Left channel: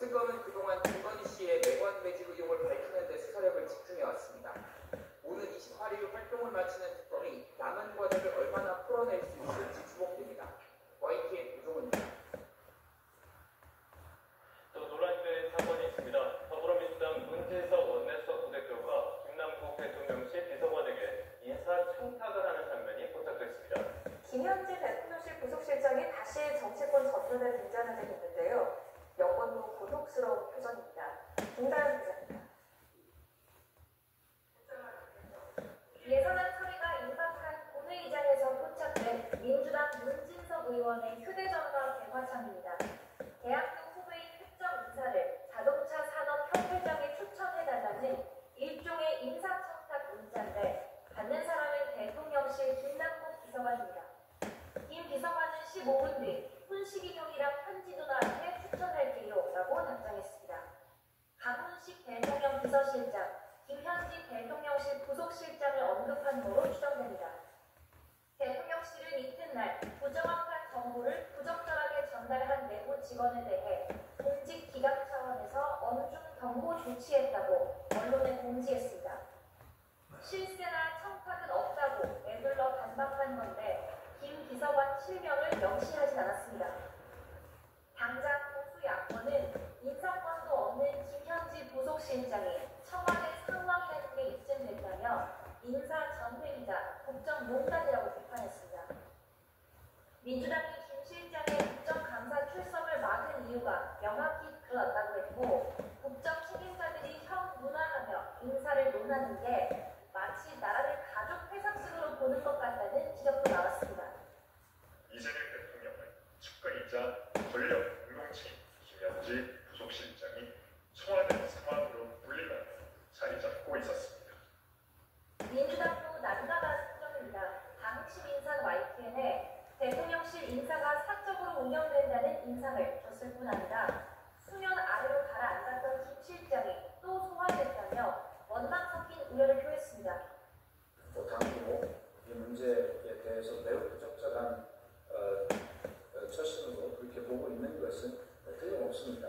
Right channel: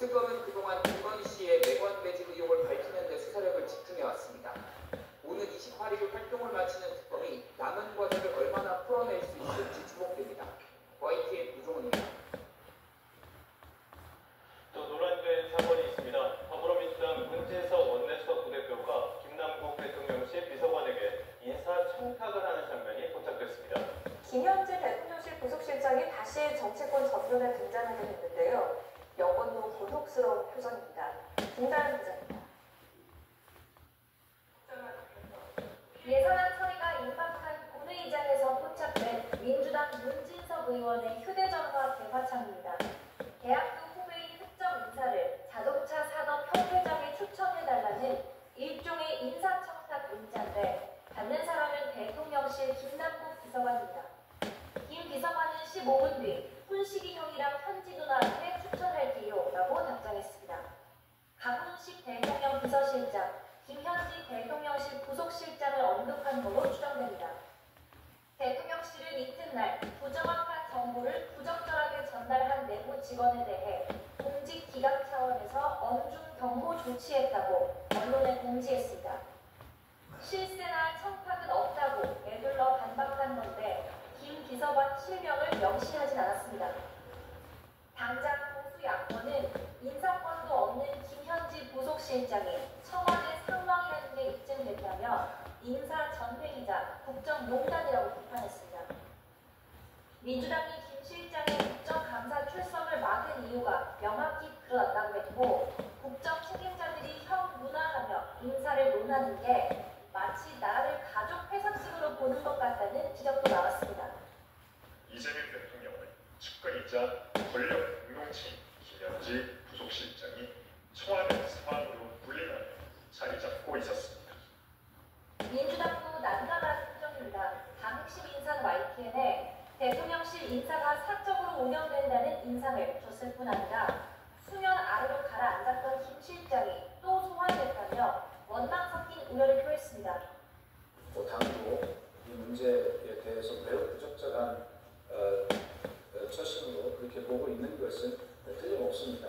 특검은 그동안 김건희 씨의 매번 매집 의혹을 밝히는 데 수사력을 집중해왔습니다. 오는 28일 활동을 마치는 특검이 남은 과제를 얼마나 풀어낼 수 있을지 주목됩니다. YTN 유종훈입니다. 또 논란된 사건이 있습니다. 더불어민주당 문진석 원내수석 부대표가 김남국 대통령실 비서관에게 인사 청탁을 하는 장면이 포착됐습니다. 김현지 대통령실 부속실장이 다시 정치권 전면에 등장하게 됐는데요. 여권도 곤혹스러운 표정입니다. 김다현 기자입니다. 예산안 처리가 임박한 본회의장에서 포착된 민주당 문진석 의원의 휴대전화 대화창입니다. 대학교 후배인 특정 인사를 자동차 산업협회장에 추천해달라는 일종의 인사청탁 문자인데 받는 사람은 대통령실 김남국 비서관입니다. 김 비서관은 15분 뒤 훈식이 형이랑 편지 누나한테 추천할게요 라고 답장했습니다. 강훈식 대통령 비서실장, 김현지 대통령실 부속실장을 언급한 것으로 추정됩니다. 대통령실은 이튿날 부정확한 정보를 부적절하게 전달한 내부 직원에 대해 공직 기각 차원에서 엄중 경고 조치했다고 언론에 공지했습니다. 실세나 청탁은 없다고 애둘러 반박한 건데 김 비서관 실명을 명시하진 않았습니다. 당장 보수 야권은 인사권도 없는 김현지 부속실장이 청와대 상황이라는 게 입증됐다며 인사 전횡이자 국정농단이라고 비판했습니다. 민주당이 김 실장의 국정감사 출석을 막은 이유가 명확히 드러났다고 했고 국정 책임자들이 형 문화하며 인사를 논하는 게 마치 나라를 가족 회사층으로 보는 것 같다는 지적도 나왔습니다. 이재명 대통령은 측근이자 권력 공동체인 김현지 부속실장이 청와대 상황으로 불리며 자리 잡고 있었습니다. 민주당도 난감한 표정입니다. 당 핵심 인사는 YTN에 대통령실 인사가 사적으로 운영된다는 인상을 줬을 뿐 아니라 수면 아래로 가라앉았던 김 실장이 또 소환됐다며 원망 섞인 우려를 표했습니다. 당도 이 문제에 대해서 매우 부적절한 처신으로 그렇게 보고 있는 것은 틀림없습니다.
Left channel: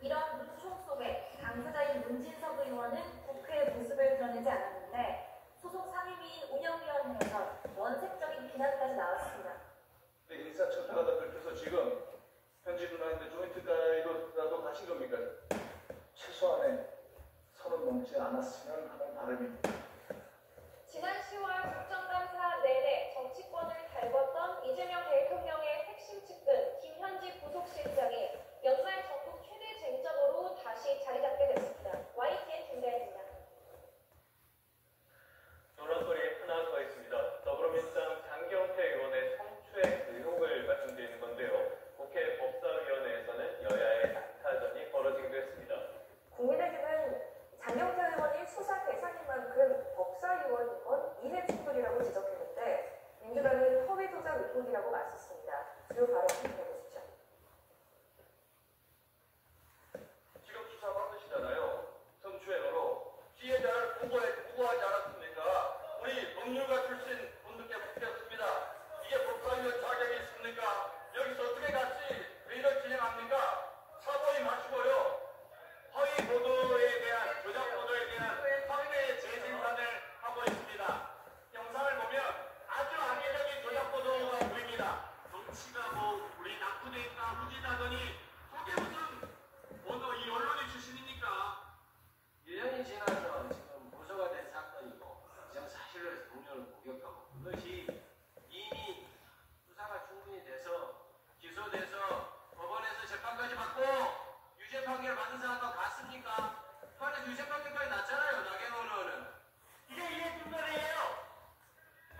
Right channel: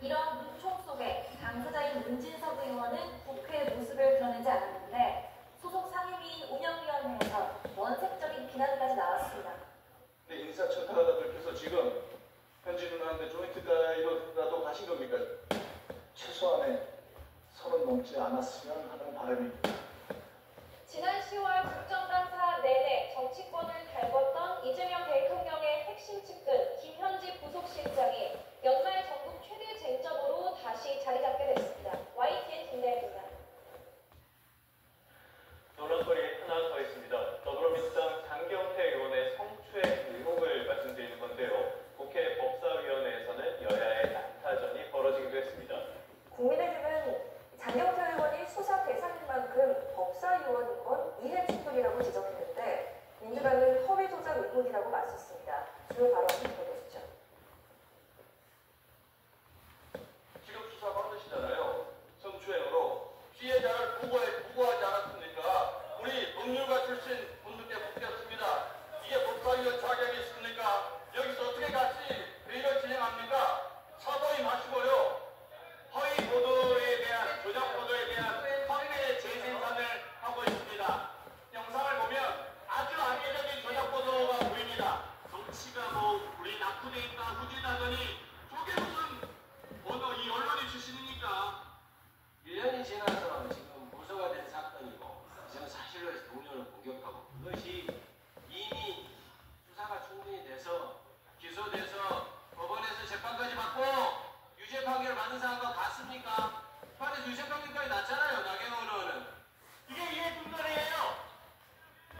이런 문총 속에 당사자인 문진석 의원은 국회의 모습을 드러내지 않았는데 소속 상임위인 운영위원회에서 원색적인 비난까지 나왔습니다. 인사청탁하다 들켜서 지금 현지 누나한테 조인트 가이드라도 가신 겁니까? 최소한의 30 넘지 않았으면 하는 바람입니다. 지난 10월 국정감사 내내 정치권을 달궜던 이재명 대통령의 핵심 측근 김현지 부속실장이 연말 전국 최대 쟁점으로 다시 자리 잡게 됐습니다. YTN 김대현입니다. 논란거리 하나 더 있습니다. 더불어민주당 장경태 의원의 성추행 의혹을 말씀드리는 건데요. 국회 법사위원회에서는 여야의 난타전이 벌어지기도 했습니다. 국민의힘은 장경태 의원이 수사 대상인 만큼 법사위원인 건 이해충돌이라고 지적했는데 민주당은 허위 조작 의혹이라고 맞섰습니다. 주요 발언 들어보시죠. 지금 수사 받으시잖아요. 성추행으로 피해자를 보고하지 않았습니까? 우리 법률가 출신 분들께 묻겠습니다. 이게 법사위원 자격이 있습니까? 여기서 어떻게 같이 회의를 진행합니까? 사보이 마시고요. 허위 보도에 대한, 조작 보도에 대한 확대 재생산을 하고 있습니다. 영상을 보면 아주 악의적인 조작 보도가 보입니다. 정치가 뭐 우리 낙후되니까 후진하더니 저게 무슨 이 언론의 출신입니까? 1년이 지나서 지금 무소가 된 사건이고 지금 사실로 동료를 공격하고 그것이 이미 수사가 충분히 돼서 기소돼서 법원에서 재판까지 받고 유죄 판결 받는 상황과 같습니까? 판에서 유죄 판결까지 났잖아요. 나경원 의원은. 이게 이해충돌이에요.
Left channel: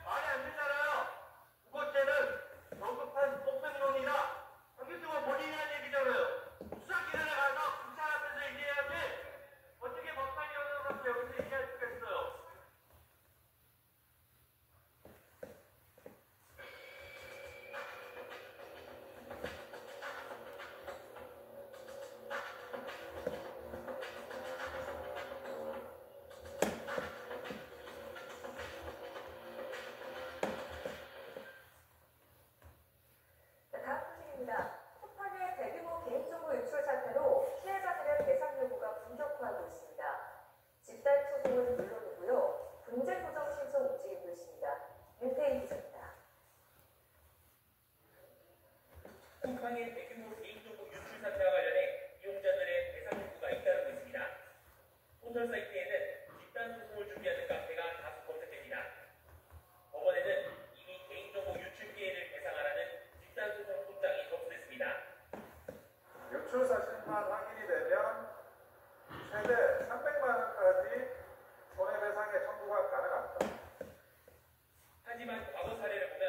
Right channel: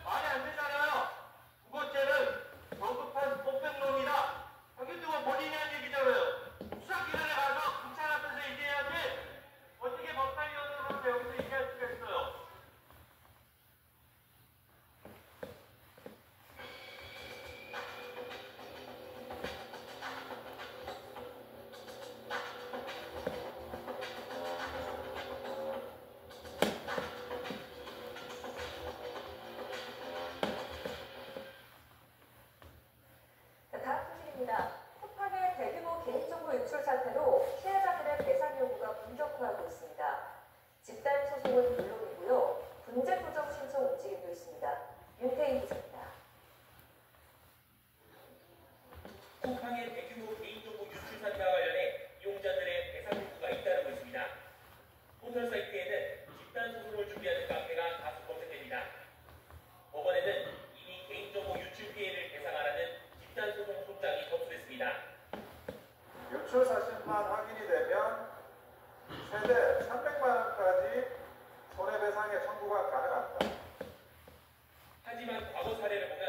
말이 안 되잖아요. 무고죄는 정급한 법백론이다. 여기 누가 본인이 한 얘기잖아요. 수사기관에 가서 경찰 앞에서 얘기해야지. 어떻게 법사위원으로서 여기서 얘기할 수가 있어요. 것만 확인이 되면 최대 300만 원까지 손해배상의 청구가 가능합니다. 하지만 과거 사례를 보면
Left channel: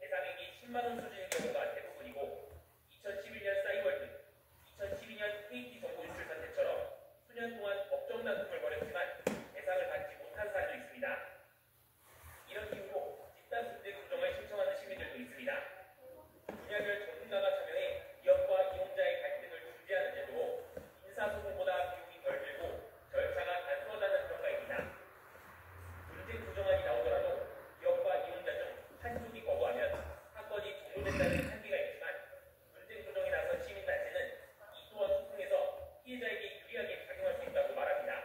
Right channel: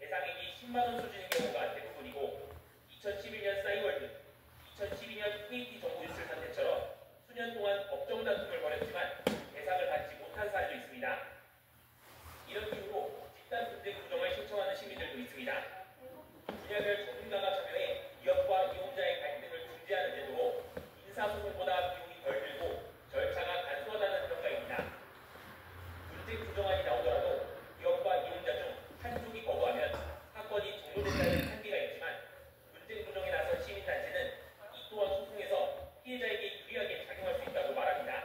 배상액이 10만 원 수준인 경우가 대부분이고 2011년 싸이월드, 2012년 KT 정보 유출 사태처럼 수년 동안 법정 다툼을 벌였지만 배상을 받지 못한 사례도 있습니다. 이런 이유로 집단 분쟁 조정을 신청하는 시민들도 있습니다. 분야별 전문가가 참여해 기업과 이용자의 갈등을 중재하는 제도로 인사소송보다 비용이 덜 들고 절차가 단순하다는 평가입니다. 분쟁 조정안이 나오더라도 기업과 이용자 중 한쪽이 거부하면 사건이 종료된다는 한계가 있지만 분쟁 조정에 나선 시민단체는 이 또한 소송에서 피해자에게 유리하게 작용할 수 있다고 말합니다.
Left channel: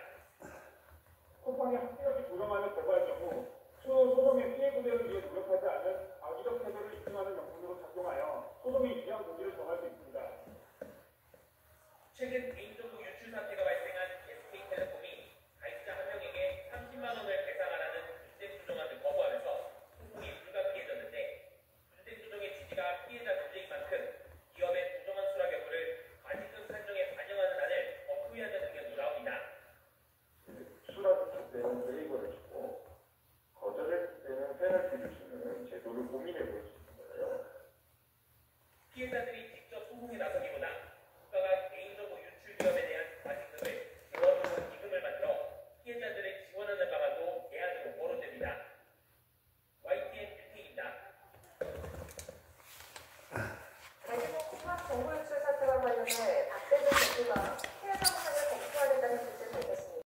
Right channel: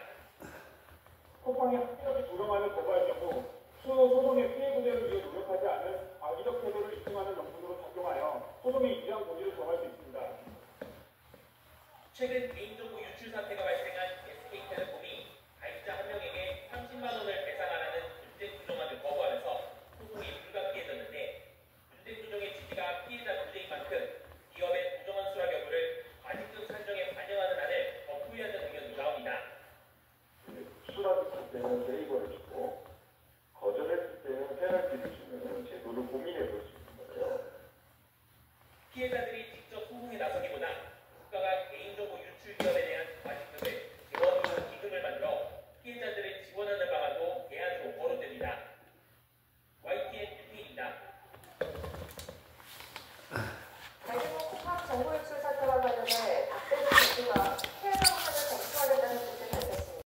쿠팡이 합법이 조정안을 거부할 경우 추후 소송의 피해 구제를 위해 노력하지 않은 악의적 태도를 입증하는 명분으로 작용하여 소송의 유리한 고지를 정할 수 있습니다. 최근 개인정보 유출 사태가